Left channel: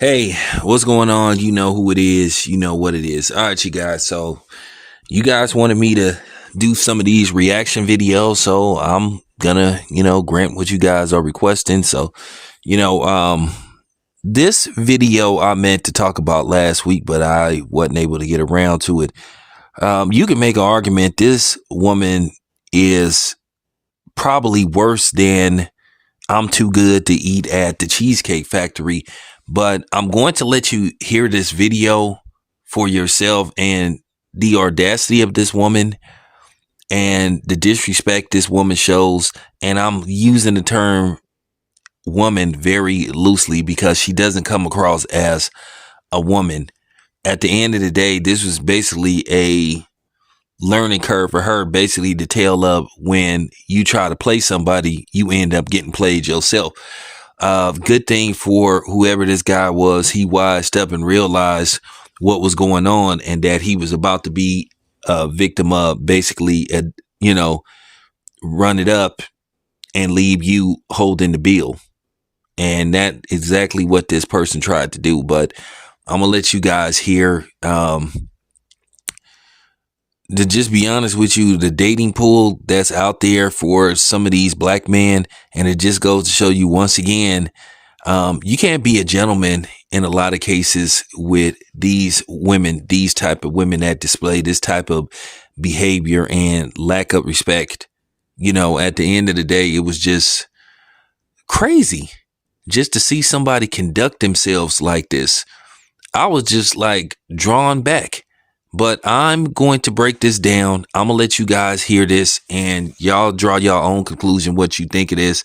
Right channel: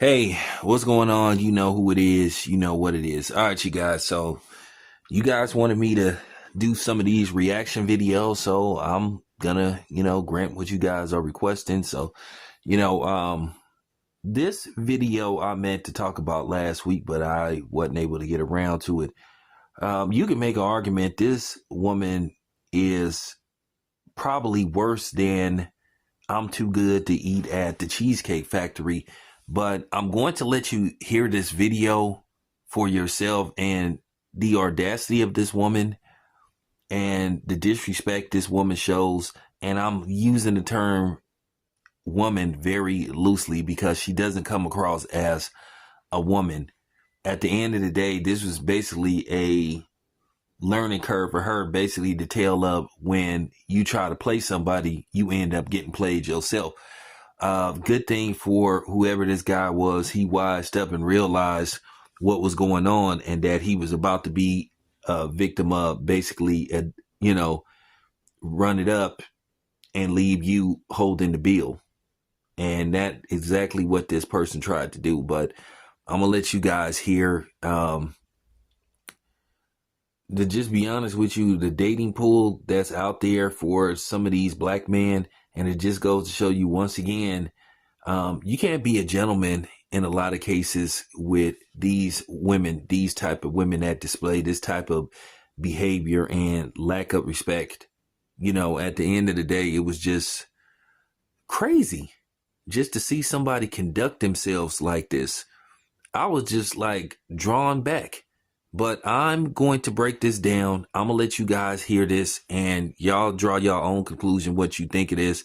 Hey, what's going on? You know who it is. You know what it is. All right, you guys. So you guys wanted me to do some of these reaction videos. So I'm gonna, grant what you guys are requesting. So, you know, um, this video I meant to talk about last week, but I wasn't able to get around to it. You can make an argument this woman is probably worse than I'm too good to eat at the Cheesecake Factory, but I'm going to let you hear this video for yourself and the audacity of this woman and the disrespect this woman shows. And I'm using the term woman very loosely because she doesn't come across as a woman. At the end of the day, this was basically a learning curve for her, basically the tale of when you try to play somebody, you end up getting played yourself. Good thing for whoever this guy was, he wised up and realized what was going on and that he was about to be a victim of basically, run it up and leave you holding the bill. And that exactly what this person tried to do. But I'm gonna let you guys hear. To just be honest with you, the dating pool that's out there for some of these black men, and it just goes to show you once again, you can't be a gentleman in a lot of cases with these women, these type of women that display this type of behavior and lack of respect. At the end of the day, it was just crazy just to see somebody conduct themselves like this. I was just like drawn back. But I'm going to break this down. I'm going to let you guys hear this and y'all draw your own conclusion what you think it is.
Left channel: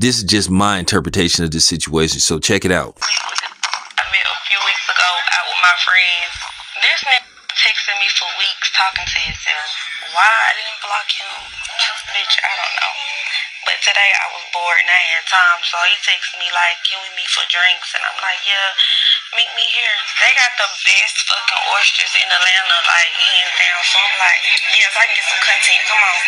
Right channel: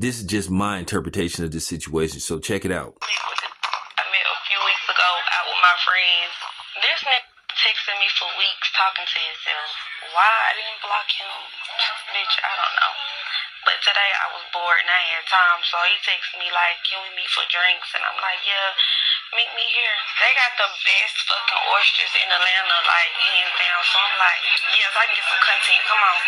This is just my interpretation of this situation. So check it out. I met a few weeks ago out with my friends. This nigga texting me for weeks talking to himself. Why I didn't block him? Bitch, I don't know. But today I was bored and I had time, so he texted me like, can we meet for drinks? And I'm like, yeah, meet me here. They got the best fucking oysters in Atlanta, like hands down. So I'm like, yes, I can get some content. Come on.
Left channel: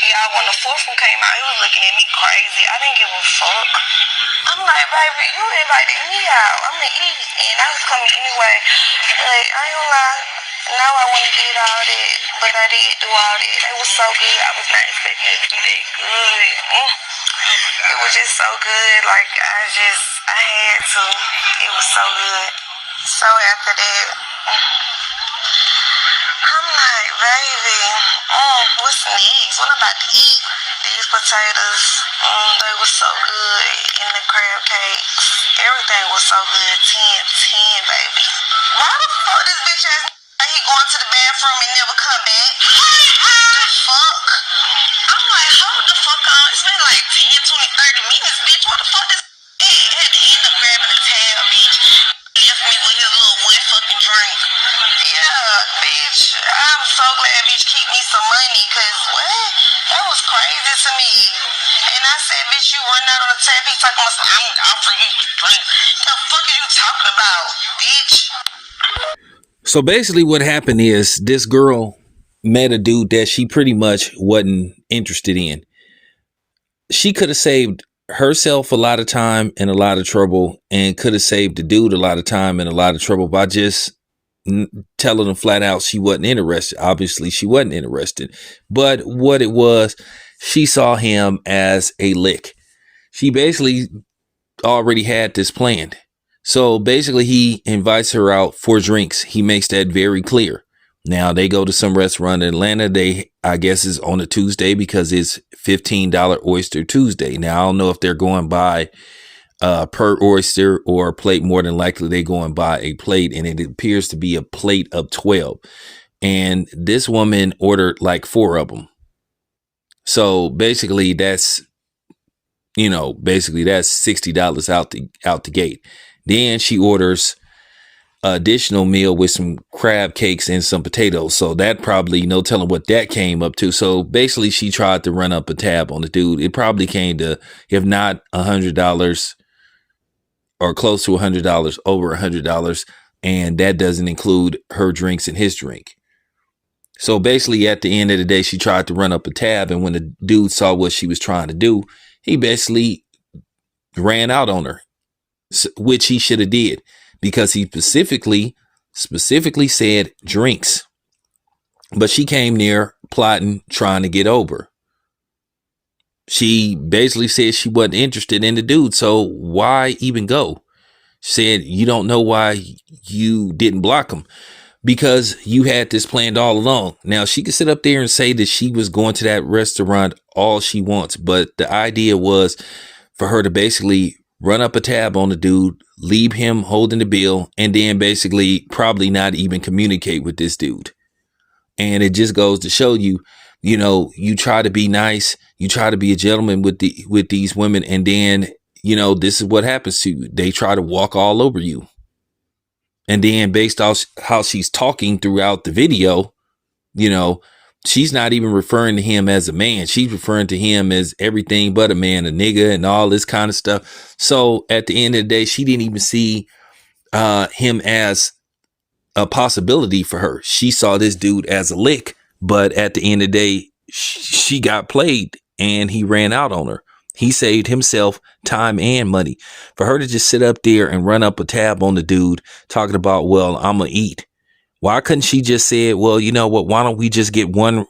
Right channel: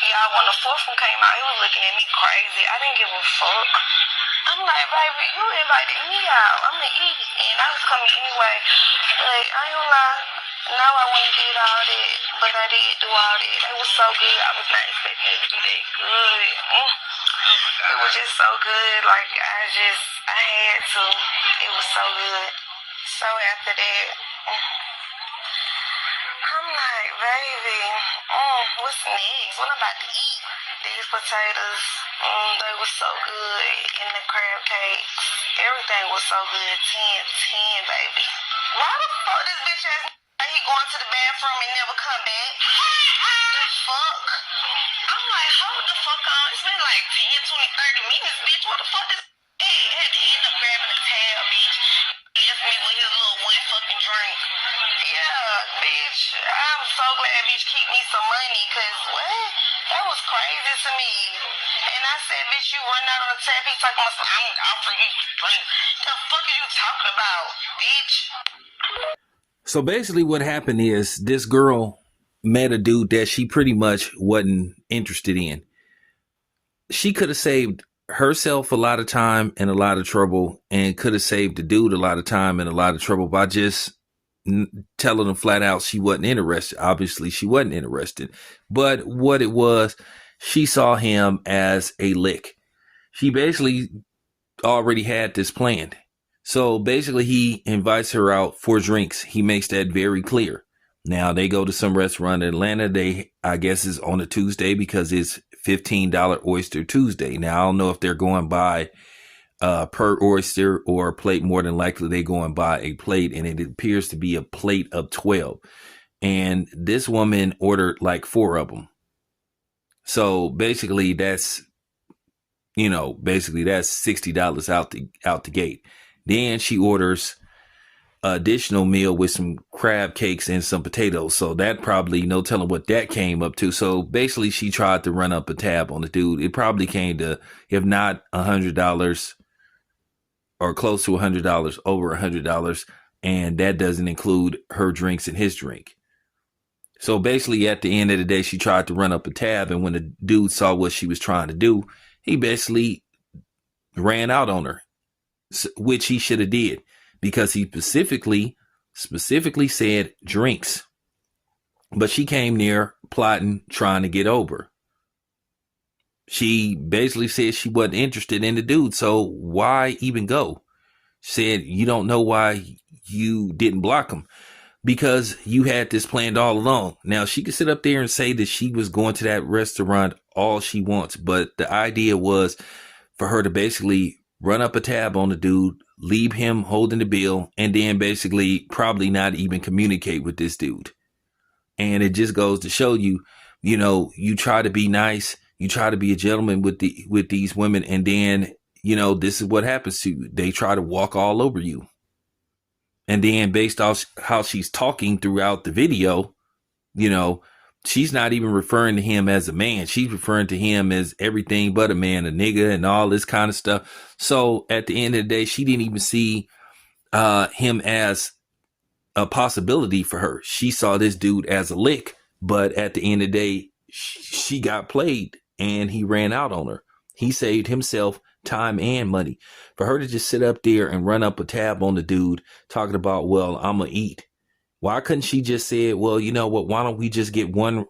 Yeah, when the fourth one came out, he was looking at me crazy. I didn't give a fuck. I'm like, baby, you invited me out. I'm gonna eat, and I was coming anyway. But I ain't gonna lie. Now I went and did all that, but I did do all that. It was so good. I was not expecting it to be that good. It was just so good. Like I had to. It was so good. So after that, I'm like, baby, what's next? What about to eat? These potatoes, they were so good. And the crab cakes, everything was so good. 10, 10, baby. Why the fuck this bitch ass he going to the bathroom and never come back? The fuck? I'm like, hold the fuck on. It's been like 10, 20, 30 minutes, bitch. What the fuck is had to end up grabbing the tab, bitch. Left me with his little one fucking drink. Yeah, bitch. I'm so glad bitch keep me some money, cause what? That was crazy to me. And I said, bitch, you run out on the tap. He talking about some, I'm offering you drink. The fuck are you talking about, bitch? So basically what happened is this girl met a dude that she pretty much wasn't interested in. She could have saved herself a lot of time and a lot of trouble, and could have saved the dude a lot of time and a lot of trouble by just telling him flat out she wasn't interested. Obviously she wasn't interested, but what it was, she saw him as a lick. She basically already had this planned. So basically he invites her out for drinks. He makes that very clear. Now they go to some restaurant in Atlanta. They, I guess, is on a Tuesday because it's $15 Oyster Tuesday. Now I don't know if they're going by per oyster or a plate. More than likely they're going by a plate, and it appears to be a plate of 12. And this woman ordered like 4 of them. So basically that's, that's $60 out the gate. Then she orders additional meal with some crab cakes and some potatoes. So that probably, no telling what that came up to. So basically she tried to run up a tab on the dude. It probably came to, if not $100, or close to $100, over $100, and that doesn't include her drinks and his drink. So basically, at the end of the day, she tried to run up a tab, and when the dude saw what she was trying to do, he basically ran out on her, which he should have did, because he specifically said drinks. But she came near plotting, trying to get over. She basically said she wasn't interested in the dude, so why even go? Said you don't know why you didn't block him, because you had this planned all along. Now, she could sit up there and say that she was going to that restaurant all she wants, but the idea was for her to basically run up a tab on the dude, leave him holding the bill, and then basically probably not even communicate with this dude. And it just goes to show you, you know, you try to be nice, you try to be a gentleman with these women, and then, you know, this is what happens to you. They try to walk all over you. And then based off how she's talking throughout the video, you know, she's not even referring to him as a man. She's referring to him as everything but a man, a nigga, and all this kind of stuff. So at the end of the day, she didn't even see him as a possibility for her. She saw this dude as a lick, but at the end of the day, she got played and he ran out on her. He saved himself time and money. For her to just sit up there and run up a tab on the dude talking about, well, I'm going to eat. Why couldn't she just say, well, you know what? Why don't we just get one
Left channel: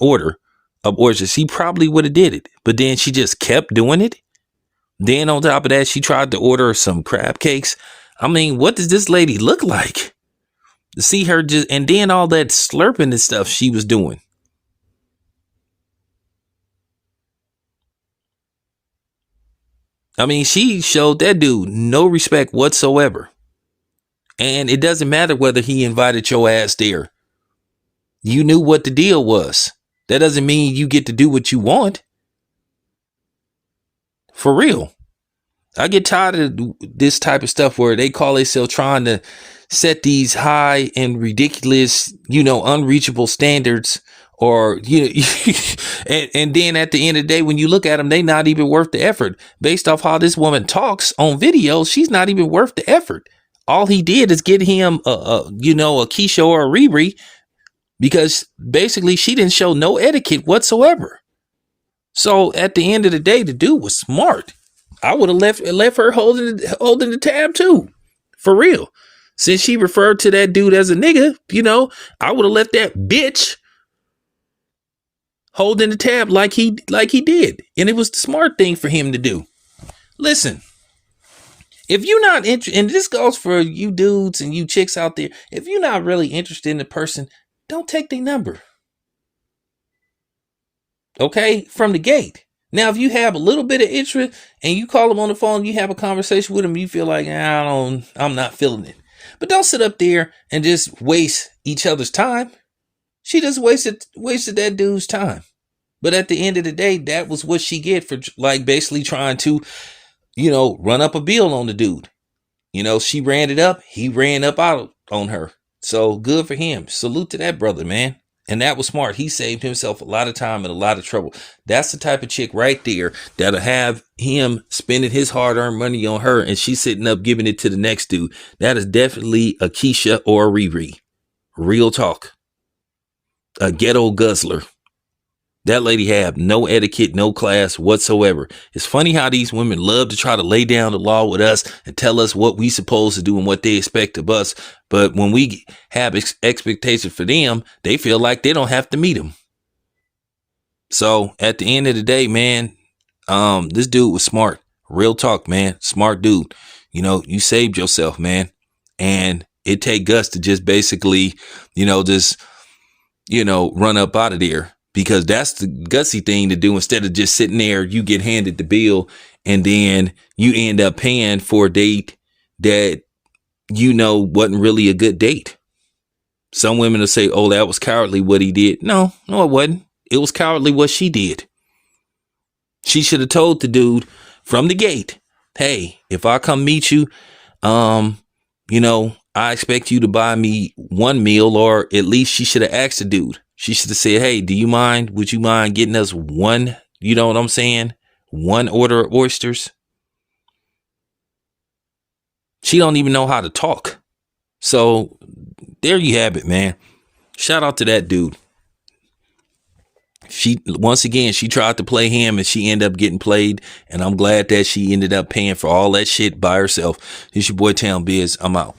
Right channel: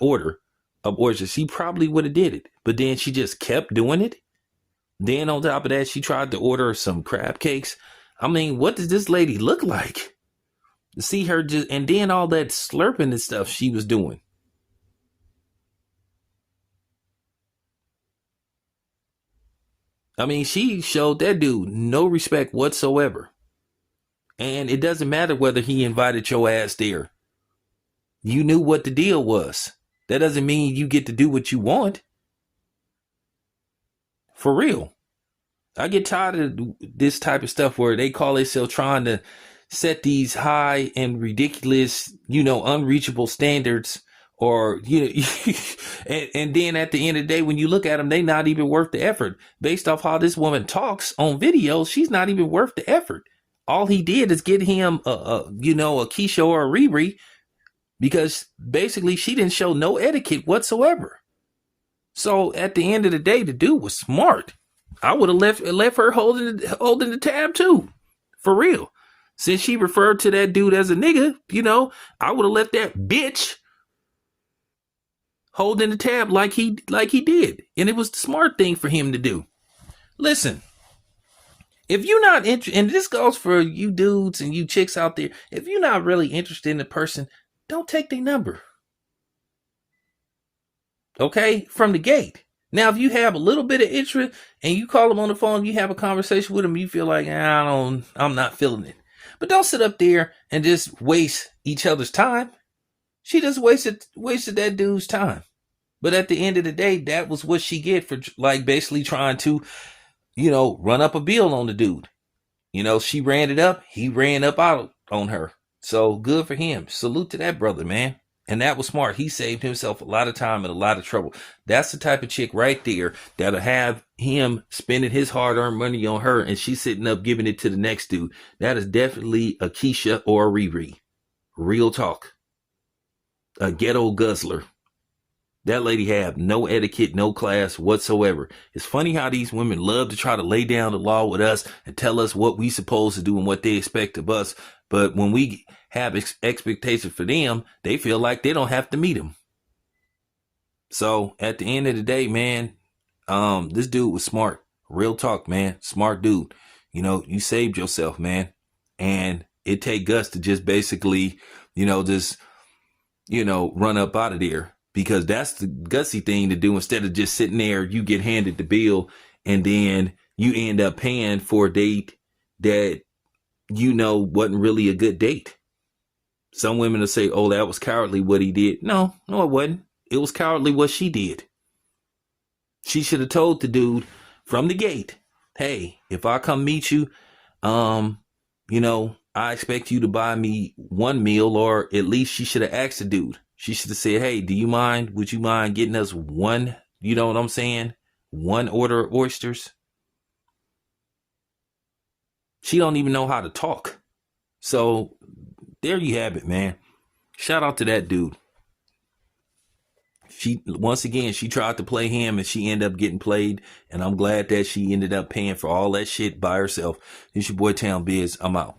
order of oysters? She probably would have did it, but then she just kept doing it. Then on top of that, she tried to order some crab cakes. I mean, what does this lady look like? To see her just, and then all that slurping and stuff she was doing. I mean, she showed that dude no respect whatsoever. And it doesn't matter whether he invited your ass there. You knew what the deal was. That doesn't mean you get to do what you want. For real. I get tired of this type of stuff where they call themselves trying to set these high and ridiculous, unreachable standards. Or, and then at the end of the day, when you look at them, they not even worth the effort. Based off how this woman talks on video, she's not even worth the effort. All he did is get him, a Keisha or a Riri, because basically she didn't show no etiquette whatsoever. So at the end of the day, the dude was smart. I would have left her holding the tab too, for real. Since she referred to that dude as a nigga, I would have left that bitch holding the tab like he did. And it was the smart thing for him to do. Listen, if you're not interested, and this goes for you dudes and you chicks out there, if you're not really interested in the person, don't take their number. Okay? From the gate. Now, if you have a little bit of interest and you call them on the phone, you have a conversation with them, you feel like, I'm not feeling it. But don't sit up there and just waste each other's time. She just wasted that dude's time. But at the end of the day, that was what she get for basically trying to, run up a bill on the dude. She ran it up. He ran up out on her. So good for him. Salute to that brother, man. And that was smart. He saved himself a lot of time and a lot of trouble. That's the type of chick right there that'll have him spending his hard-earned money on her and she's sitting up giving it to the next dude. That is definitely a Keisha or a Riri. Real talk. A ghetto guzzler. That lady have no etiquette, no class whatsoever. It's funny how these women love to try to lay down the law with us and tell us what we supposed to do and what they expect of us. But when we have expectations for them, they feel like they don't have to meet them. So at the end of the day, man, this dude was smart. Real talk, man. Smart dude. You saved yourself, man. And it take guts to just basically, run up out of there. Because that's the gutsy thing to do. Instead of just sitting there, you get handed the bill and then you end up paying for a date that wasn't really a good date. Some women will say, oh, that was cowardly what he did. No, it wasn't. It was cowardly what she did. She should have told the dude from the gate, hey, if I come meet you, I expect you to buy me one meal, or at least she should have asked the dude. She should have said, hey, would you mind getting us one, you know what I'm saying? One order of oysters. She don't even know how to talk. So there you have it, man. Shout out to that dude. She once again she tried to play him and she ended up getting played, and I'm glad that she ended up paying for all that shit by herself. It's your boy Town Biz. I'm out.